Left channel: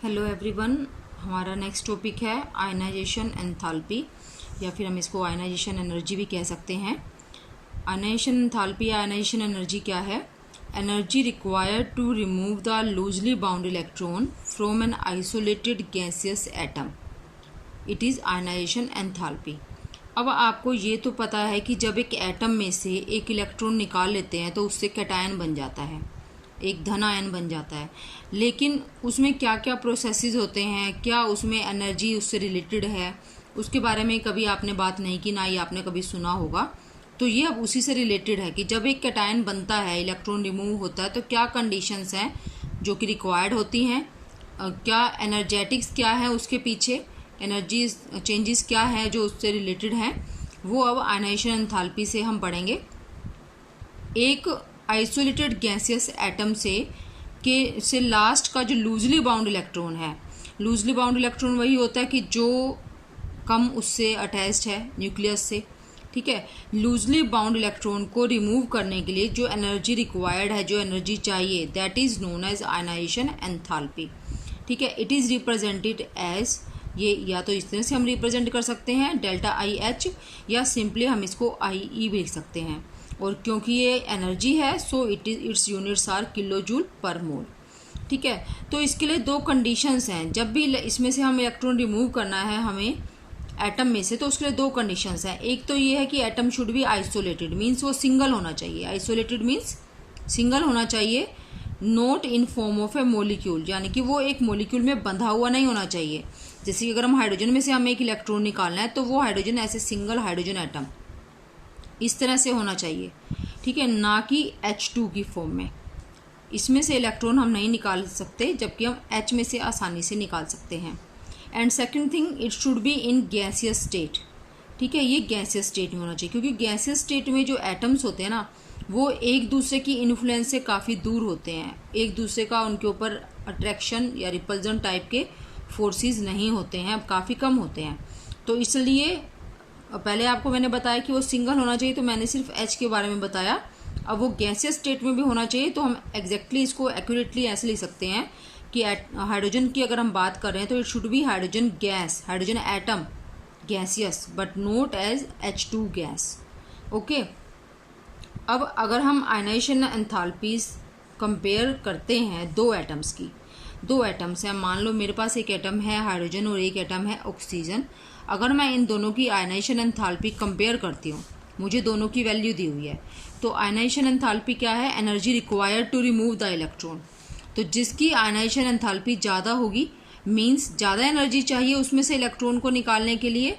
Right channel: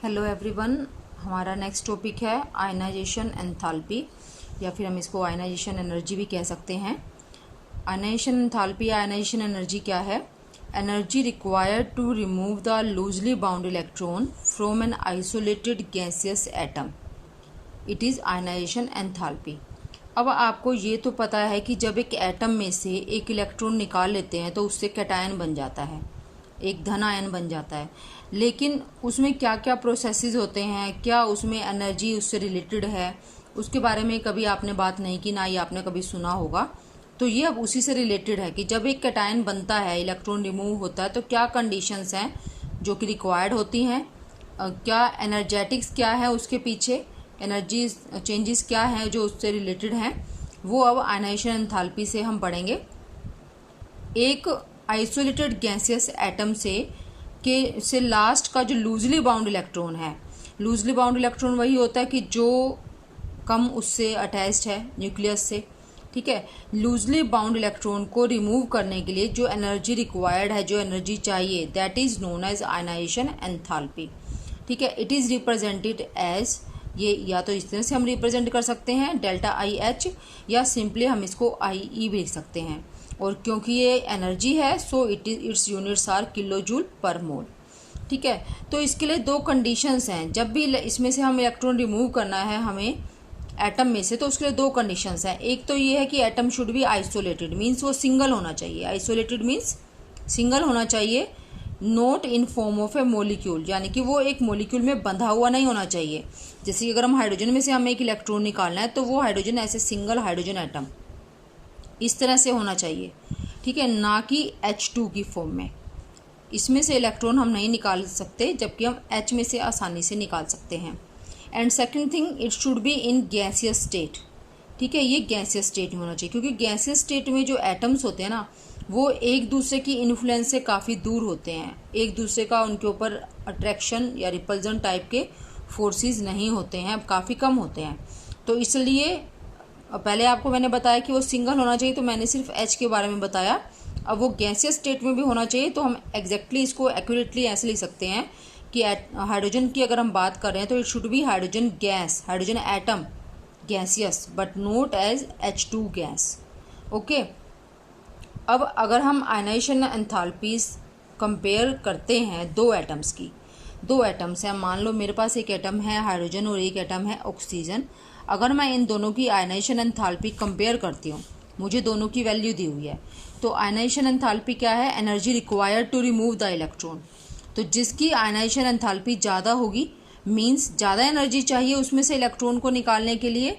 Hello everyone, हमारा next topic है ionization enthalpy, या फिर हम इसको आयनाइजेशन एनर्जी भी कह सकते हैं। आयनाइजेशन एंथैल्पी या आयनाइजेशन एनर्जी क्या है? Energy required to remove the loosely bound electron from an isolated gaseous atom, it is ionization enthalpy. अब आपको ये तो पता है कि जब एक एटम में से एक इलेक्ट्रॉन निकाल लेते हैं तो उससे कैटायन बन जाता है, एक धन आयन बन जाता है। लेकिन उसमें क्या क्या प्रोसेसेस होते हैं, क्या उसमें एनर्जी उससे रिलेटेड है, उसके बारे में कभी आपने बात नहीं की, ना ही आपने कभी सुना होगा। तो ये अब उसी से रिलेटेड है कि जब एक कैटायन बनता है, इलेक्ट्रॉन रिमूव होता है, तो क्या कंडीशंस हैं जो कि रिक्वायर्ड होती हैं, क्या एनर्जेटिक्स क्या है उसके पीछे, एनर्जी चेंजेस क्या हैं जो उससे रिलेटेड हैं, वो अब आयनाइजेशन एंथैल्पी से हम पढ़ेंगे। एक आइसोलेटेड गैसियस एटम से लास्ट का जो लूजली बाउंड इलेक्ट्रॉन है, लूजली बाउंड इलेक्ट्रॉन वही होता है कि जो कम उससे अटैच्ड है न्यूक्लियस से, ठीक है। लूजली बाउंड इलेक्ट्रॉन को रिमूव करने के लिए जो एनर्जी रिक्वायर्ड है, जो एनर्जी चाहिए, that is known as ionization enthalpy, ठीक है। इट इज रिप्रेजेंटेड एज, ये या तो इस तरह से हम रिप्रेजेंट कर सकते हैं डेल्टा आई एच, या सिंपली हम इसको आई ई भी लिख सकते हैं। और क्योंकि ये एनर्जी है so its units are kilo joule per mole, ठीक है। तो इसके लिए दो कंडीशंस हैं, जब भी इसमें से हम इलेक्ट्रॉन रिमूव करना है हमें एटम में से, तो उसके लिए दो कंडीशंस हैं। एक तो ये है कि atom should be isolated, means वो सिंगल होना चाहिए। आइसोलेटेड मीन्स सिंगल होना चाहिए, note in form of A molecule, यानी कि वो एक मोलिक्यूल में बंधा हुआ नहीं होना चाहिए। जैसे कि अगर हम हाइड्रोजन में से हमें एक इलेक्ट्रॉन निकालना है तो वो हाइड्रोजन ऐसे सिंगल हाइड्रोजन एटम इस तरह से होना चाहिए, ठीक है, ना कि H2 की फॉर्म में। इसमें से इलेक्ट्रॉन हम नहीं निकाल सकते, जबकि हम H में से आसानी से निकाल सकते हैं। And second thing, it should be in gaseous state, ठीक है, ये गैसियस स्टेट में होना चाहिए, क्योंकि गैसियस स्टेट में जो एटम्स होते हैं ना, वो एक दूसरे की इन्फ्लुएंस से काफ़ी दूर होते हैं, एक दूसरे का उनके ऊपर अट्रैक्शन या रिपल्जन टाइप के फोर्सेस नहीं होते हैं, अब काफ़ी कम होते हैं। तो इसलिए पहले आपको मैंने बताया कि वो सिंगल होना चाहिए, तो मैंने सिर्फ H के बारे में बताया। अब वो गैसियस स्टेट में भी होना चाहिए, तो हम एग्जैक्टली इसको एक्यूरेटली ऐसे लिख सकते हैं कि हाइड्रोजन की अगर हम बात कर रहे हैं तो it should be hydrogen gas, hydrogen atom gaseous, but not as H2 gas, okay. अब अगर हम आयनाइजेशन एंथैल्पीज कंपेयर करते हैं दो एटम्स की, दो एटम्स हैं, मान लो मेरे पास एक एटम है हाइड्रोजन और एक एटम है ऑक्सीजन। अगर मैं इन दोनों की आयनाइजेशन एंथैल्पी कंपेयर करती हूँ, मुझे दोनों की वैल्यू दी हुई है, तो आयनाइजेशन एंथैल्पी क्या है? Energy required to remove the electron. तो जिसकी आयनाइजेशन एंथैल्पी ज़्यादा होगी, मीन्स ज़्यादा एनर्जी चाहिए उसमें से इलेक्ट्रॉन को निकालने के लिए,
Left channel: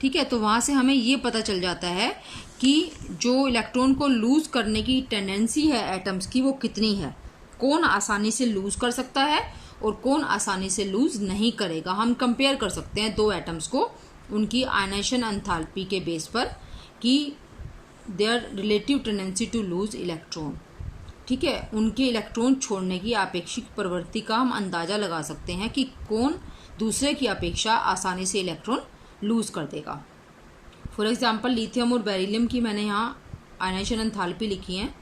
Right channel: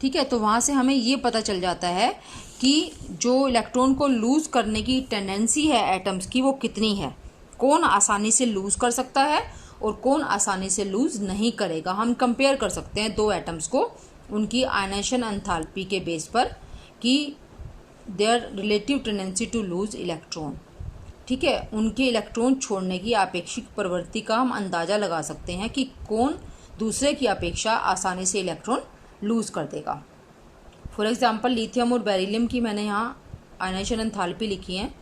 ठीक है। तो वहाँ से हमें ये पता चल जाता है कि जो इलेक्ट्रॉन को लूज करने की टेंडेंसी है एटम्स की, वो कितनी है, कौन आसानी से लूज कर सकता है और कौन आसानी से लूज नहीं करेगा। हम कंपेयर कर सकते हैं दो एटम्स को उनकी आयनाइजेशन एंथैल्पी के बेस पर कि their relative tendency to lose electron, ठीक है, उनके इलेक्ट्रॉन छोड़ने की आपेक्षिक प्रवृत्ति का हम अंदाजा लगा सकते हैं कि कौन दूसरे की अपेक्षा आसानी से इलेक्ट्रॉन लूज कर देगा। फॉर एग्जाम्पल लिथियम और बेरिलियम की मैंने यहाँ आयनाइजेशन एंथैल्पी लिखी है।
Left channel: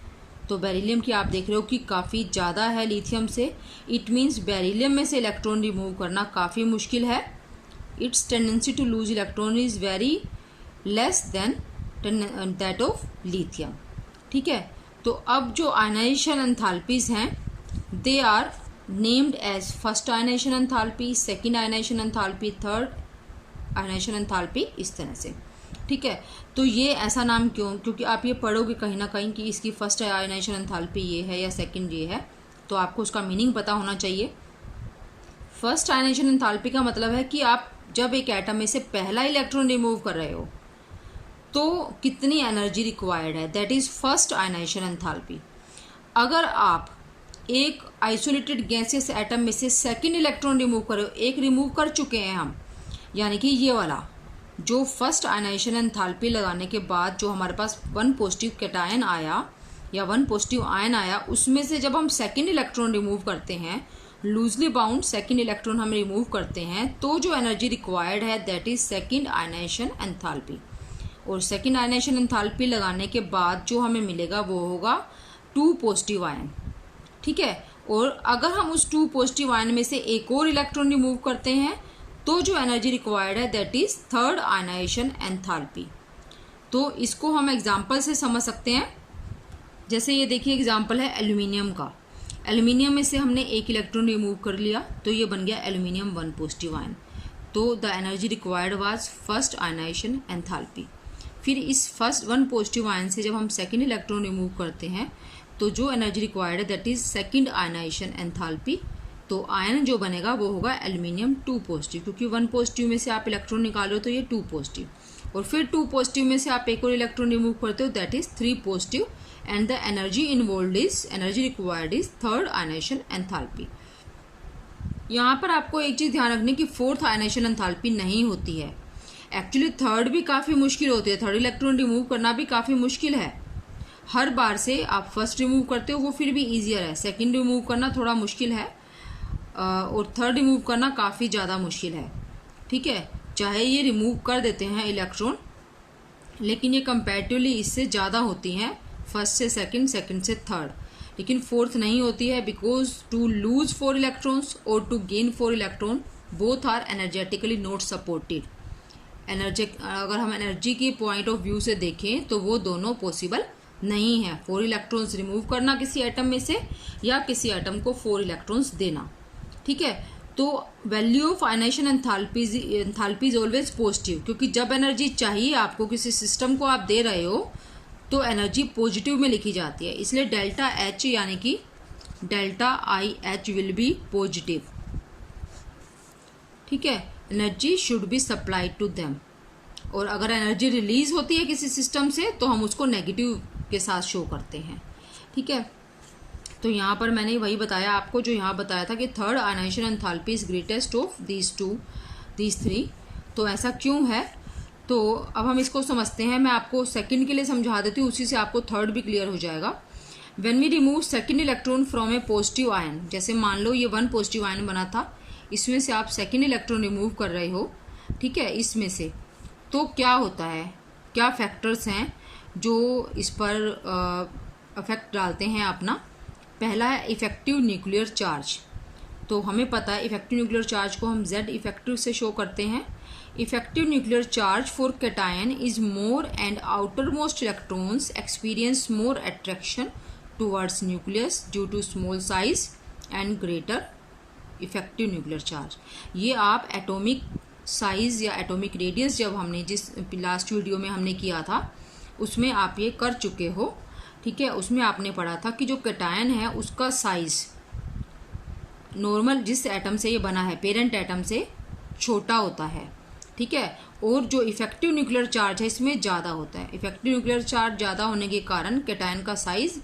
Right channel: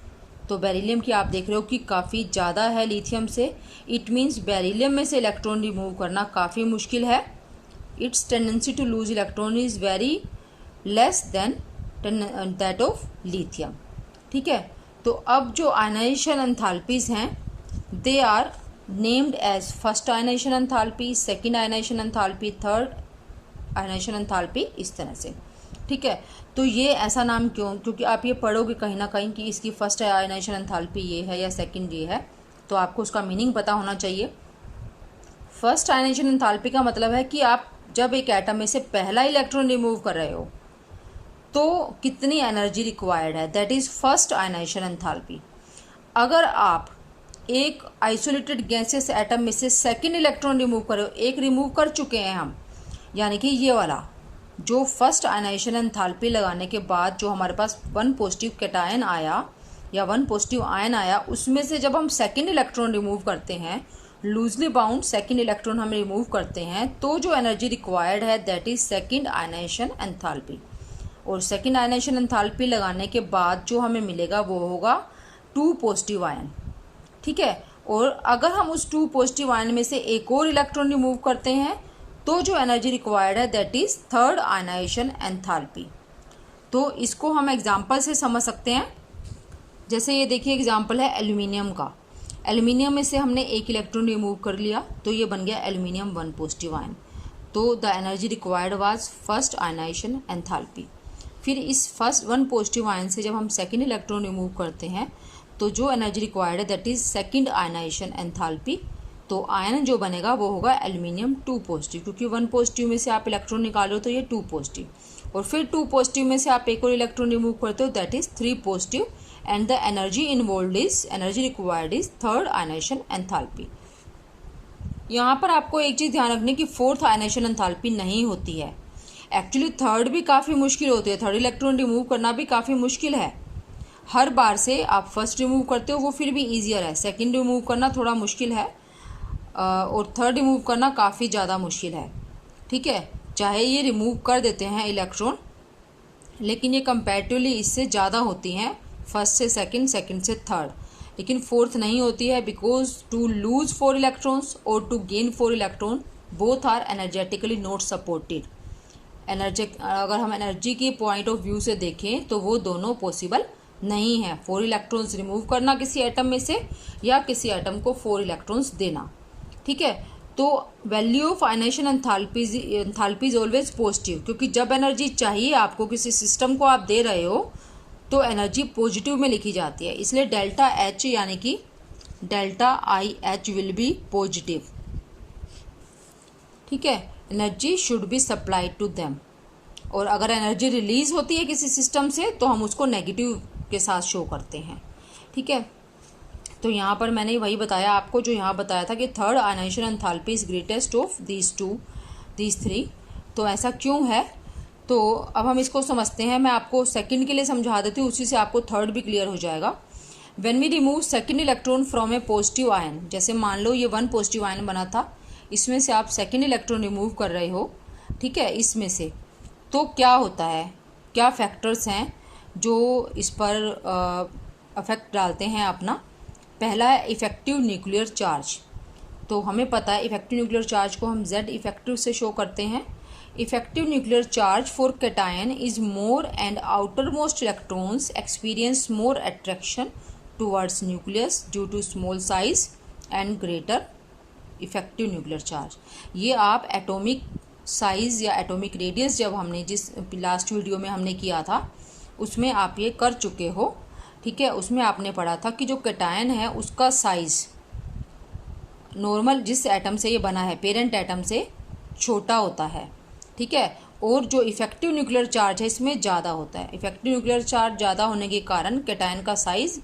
तो बेरिलियम की आप देख रहे हो कि काफ़ी ज़्यादा है लिथियम से, इट मीन्स बेरिलियम में से इलेक्ट्रॉन रिमूव करना काफ़ी मुश्किल है। Its tendency to lose electron is very less than that of lithium, ठीक है। तो अब जो आयनाइजेशन एंथैल्पीज हैं, they are named as first ionization enthalpy, second ionization enthalpy, third ionization enthalpy, इस तरह से, ठीक है। तो ये ऐसा नाम क्यों? क्योंकि आप ये पढ़ोगे कहीं ना कहीं कि इसकी फर्स्ट आयनाइजेशन एंथैल्पी ये है या सेकंड ये है, तो आपको उसका मीनिंग पता होना चाहिए। फर्स्ट आयनाइजेशन एंथैल्पी का मतलब है कि आप जब एक एटम में से पहला इलेक्ट्रॉन रिमूव कर रहे हो तो कितनी एनर्जी रिक्वायर्ड है, that is first ionization enthalpy. अगर आप एक आइसोलेटेड गैसियस एटम में से सेकंड इलेक्ट्रॉन रिमूव कर रहे हो, एक रिमूव कर चुके हैं हम, यानी कि ये वाला जो फर्स्ट आयनाइजेशन एंथैल्पी लगाने के बाद जो हमारे पास 1 पॉजिटिव कैटायन आया या 1 पॉजिटिव आयन आया, उसमें से जब हम सेकंड इलेक्ट्रॉन रिमूव करते हैं, लूजली बाउंड सेकंड इलेक्ट्रॉन हम रिमूव करते हैं, तो जो एनर्जी रिक्वायर्ड है that is second ionization enthalpy. और सेकंड आयनाइजेशन एंथैल्पी लगाने के बाद जो हमें मिलेगा वो होगा 2 पॉजिटिव आयन, ठीक है। और अगर हम उस 2 पॉजिटिव आयन में से एक और इलेक्ट्रॉन रिमूव करते हैं तो जो एनर्जी रिक्वायर्ड है that is third ionization enthalpy. तो इसको हम एग्जांपल से समझ सकते हैं। जैसे ये देखिए एग्जांपल है एल्यूमिनियम का। एल्यूमिनियम में से हमने एक इलेक्ट्रॉन रिमूव कर लिया तो ये बन गया एल्यूमिनियम 1 पॉजिटिव आयन। तो the energy required was first ionization enthalpy. फिर इस फर्स्ट 1 पॉजिटिव आयन से जब हम सेकेंड इलेक्ट्रॉन रिमूव करते हैं तो जो एनर्जी रिक्वायर्ड है that is second ionization enthalpy. तो आयन जो बनेगा वो होगा एल्यूमिनियम 2 पॉजिटिव, क्योंकि 1 पॉजिटिव में से आप इलेक्ट्रॉन निकाल रहे हो तो ये 2 पॉजिटिव, और फिर 2 पॉजिटिव में से आप एक और इलेक्ट्रॉन रिमूव करते हो that is 3 positive and the energy involved is energy required is third ionization enthalpy. यहाँ पर आपको एक चीज ध्यान रखनी कि फोर्थ आयनाइजेशन एंथैल्पी नहीं होती है। एक्चुअली थर्ड भी काफी मुश्किल होती है, थर्ड इलेक्ट्रॉन रिमूव करना भी काफी मुश्किल है। हर बार से आप फर्स्ट रिमूव करते हो वो फिर भी ईजियर है, सेकेंड रिमूव करना थोड़ा मुश्किल है और थर्ड रिमूव करना काफ़ी ज़्यादा मुश्किल है। ठीक है, चाहे ये रिमूव कर देते हैं इलेक्ट्रॉन लेकिन ये कंपैरेटिवली इससे ज़्यादा होती हैं फर्स्ट से सेकंड, सेकंड से थर्ड, लेकिन फोर्थ नहीं होती है बिकॉज टू लूज 4 इलेक्ट्रॉन्स और to gain 4 electron both are energetically not supported. अगर हम एनर्जी के पॉइंट ऑफ व्यू से देखें तो वो दोनों पॉसिबल नहीं है, 4 इलेक्ट्रॉन्स रिमूव करना किसी एटम में से या किसी एटम को 4 इलेक्ट्रॉन्स देना। ठीक है, तो value of ionization enthalpy is always positive, क्योंकि जब एनर्जी चाहिए आपको, किसी सिस्टम को आप दे रहे हो तो एनर्जी पॉजिटिव में लिखी जाती है, इसलिए डेल्टा एच यानी कि delta I H will be positive. ठीक है, energy should be supplied to them, और अगर एनर्जी रिलीज होती है किसी सिस्टम से तो हम उसको नेगेटिव के साथ शो करते हैं। ठीक है, तो यहाँ पर मैंने वही बताया आपको जो यहाँ बताया था कि third ionization enthalpy is greatest of these 3। तो ऐसा क्यों है, तो अब हम इसको समझते हैं। मैं आपको सेकंड के लिए समझा देती हूँ, उसी से आपको थर्ड भी क्लियर हो जाएगा। When we remove second electron from a positive ion, जैसे मान लो ये 1 पॉजिटिव आयन बना था, इसमें से आप सेकंड इलेक्ट्रॉन रिमूव कर रहे हो, ठीक है, इसमें से, तो क्या होता है, क्या फैक्टर्स हैं जो इस पर अफेक्ट डालते हैं अपना। पहला है इफेक्टिव न्यूक्लियर चार्ज। तो हमें पता है इफेक्टिव न्यूक्लियर चार्ज को हम Z इफेक्टिव से शो करते हैं। Effective nuclear charge for cation is more and outermost electrons experience more attraction towards nucleus due to small size and greater effective nuclear charge. ये आप atomic size या atomic radius जब हमने जिस last video में हमने किया था उसमें आप ये कर चुके हो। ठीक है, उसमें आपने पढ़ा था कि जो कैटायन है उसका साइज नॉर्मल जिस एटम से ये बना है पेरेंट एटम से छोटा होता है। ठीक है, और जो इफेक्टिव न्यूक्लियर चार्ज है इसमें ज़्यादा होता है। इफेक्टिव न्यूक्लियर चार्ज ज़्यादा होने के कारण कैटायन का साइज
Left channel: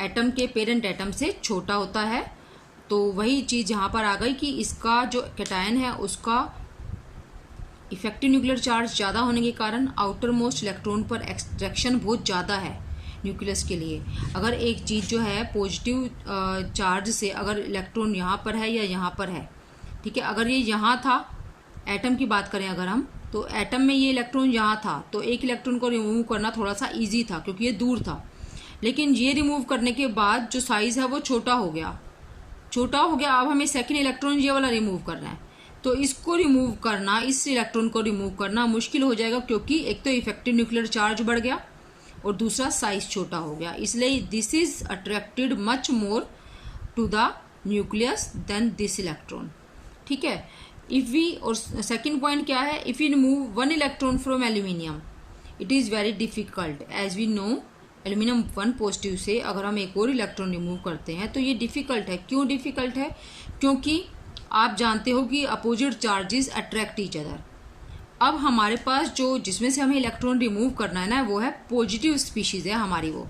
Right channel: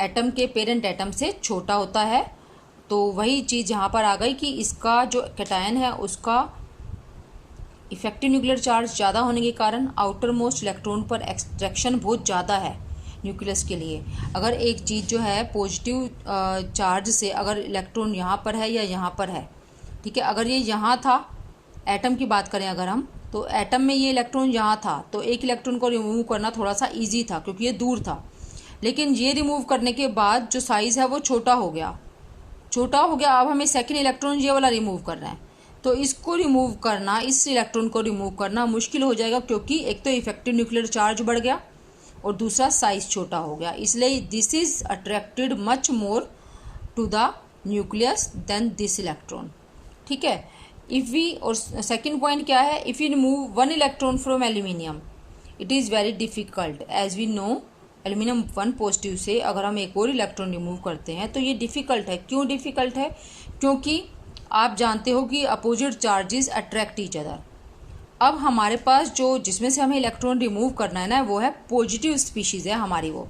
एटम के पेरेंट एटम से छोटा होता है। तो वही चीज़ यहाँ पर आ गई कि इसका जो कैटायन है उसका इफेक्टिव न्यूक्लियर चार्ज ज़्यादा होने के कारण आउटर मोस्ट इलेक्ट्रॉन पर एक्सट्रैक्शन बहुत ज़्यादा है न्यूक्लियस के लिए। अगर एक चीज़ जो है पॉजिटिव चार्ज से अगर इलेक्ट्रॉन यहाँ पर है या यहाँ पर है, ठीक है, अगर ये यहाँ था, एटम की बात करें अगर हम, तो एटम में ये इलेक्ट्रॉन यहाँ था तो एक इलेक्ट्रॉन को रिमूव करना थोड़ा सा ईजी था क्योंकि ये दूर था। लेकिन ये रिमूव करने के बाद जो साइज़ है वो छोटा हो गया। अब हमें सेकेंड इलेक्ट्रॉन ये वाला रिमूव करना है, तो इसको रिमूव करना, इस इलेक्ट्रॉन को रिमूव करना मुश्किल हो जाएगा क्योंकि एक तो इफेक्टिव न्यूक्लियर चार्ज बढ़ गया और दूसरा साइज छोटा हो गया। इसलिए this is attracted much more to the nucleus than this electron. ठीक है, इफ वी, और सेकंड पॉइंट क्या है, if you remove 1 electron from aluminium it is very difficult as we know. Aluminium 1 positive से अगर हम एक और इलेक्ट्रॉन रिमूव करते हैं तो ये डिफ़िकल्ट है। क्यों डिफ़िकल्ट है? क्योंकि आप जानते हो कि opposite charges attract each other. अब हमारे पास जो जिसमें से हमें इलेक्ट्रॉन रिमूव करना है ना, वो है पॉजिटिव स्पीशीज़ है हमारी। वो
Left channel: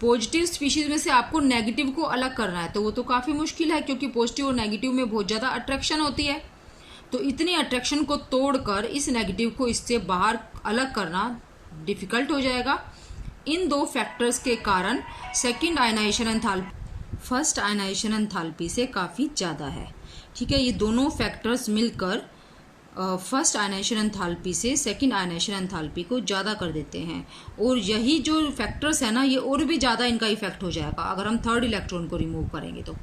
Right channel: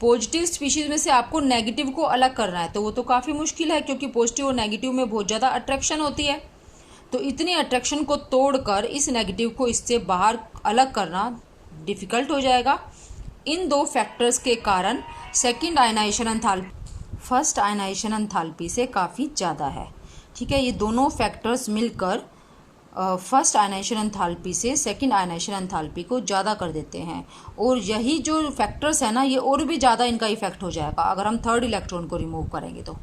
पॉजिटिव स्पीशीज़ में से आपको नेगेटिव को अलग करना है, तो वो तो काफ़ी मुश्किल है क्योंकि पॉजिटिव और नेगेटिव में बहुत ज़्यादा अट्रैक्शन होती है। तो इतनी अट्रैक्शन को तोड़कर इस नेगेटिव को इससे बाहर अलग करना डिफ़िकल्ट हो जाएगा। इन दो फैक्टर्स के कारण second ionization enthalpy first ionization enthalpy से काफ़ी ज़्यादा है। ठीक है, ये दोनों फैक्टर्स मिलकर फर्स्ट आयनाइजेशन एंथैल्पी से सेकंड आयनाइजेशन एंथैल्पी को ज़्यादा कर देते हैं, और यही जो फैक्टर्स है ना, ये और भी ज़्यादा इनका इफेक्ट हो जाएगा अगर हम थर्ड इलेक्ट्रॉन को रिमूव करेंगे तो।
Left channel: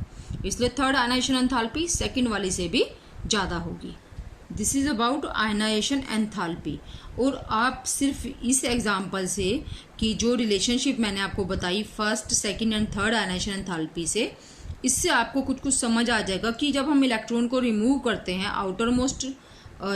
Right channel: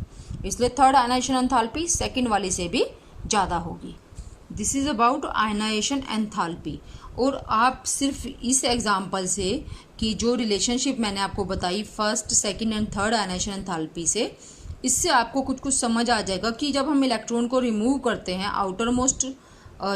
इसलिए थर्ड आयनाइजेशन एंथैल्पी सेकंड वाली से भी ज़्यादा होगी। This is about ionization enthalpy. और आप सिर्फ इस एग्जाम्पल से कि जो रिलेशनशिप मैंने आपको बताई first second and third ionization enthalpy से, इससे आपको कुछ कुछ समझ आ जाएगा कि जब हम इलेक्ट्रॉन को रिमूव करते हैं आउटर मोस्ट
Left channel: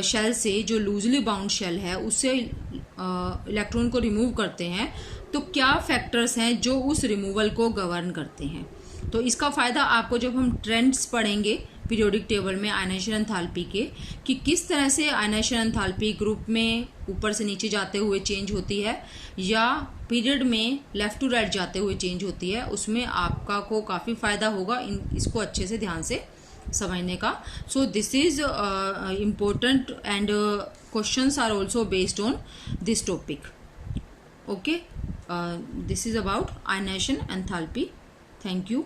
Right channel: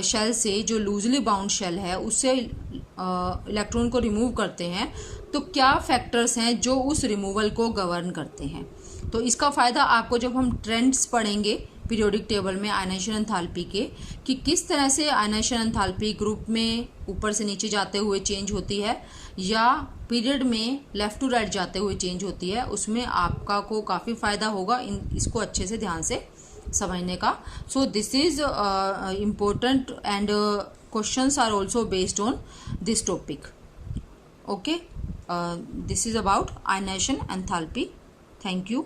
शेल से, जो लूजली बाउंड शेल है उससे इलेक्ट्रॉन को रिमूव करते हैं, तो क्या फैक्टर्स हैं जो उस रिमूवल को गवर्न करते हैं। तो इसका फ़ायदा आपको जब हम ट्रेंड्स पढ़ेंगे पीरियोडिक टेबल में आयनाइजेशन एंथैल्पी के, कि किस तरह से आयनाइजेशन एंथैल्पी ग्रुप में ऊपर से नीचे जाते हुए चेंज होती है या पीरियड में लेफ्ट टू राइट जाते हुए चेंज होती है, उसमें आपका को काफ़ी फ़ायदा होगा इसको अच्छे से ध्यान से समझने का। So this is important and questions are also based on this topic. Okay, this is about ionization enthalpy. Thank you.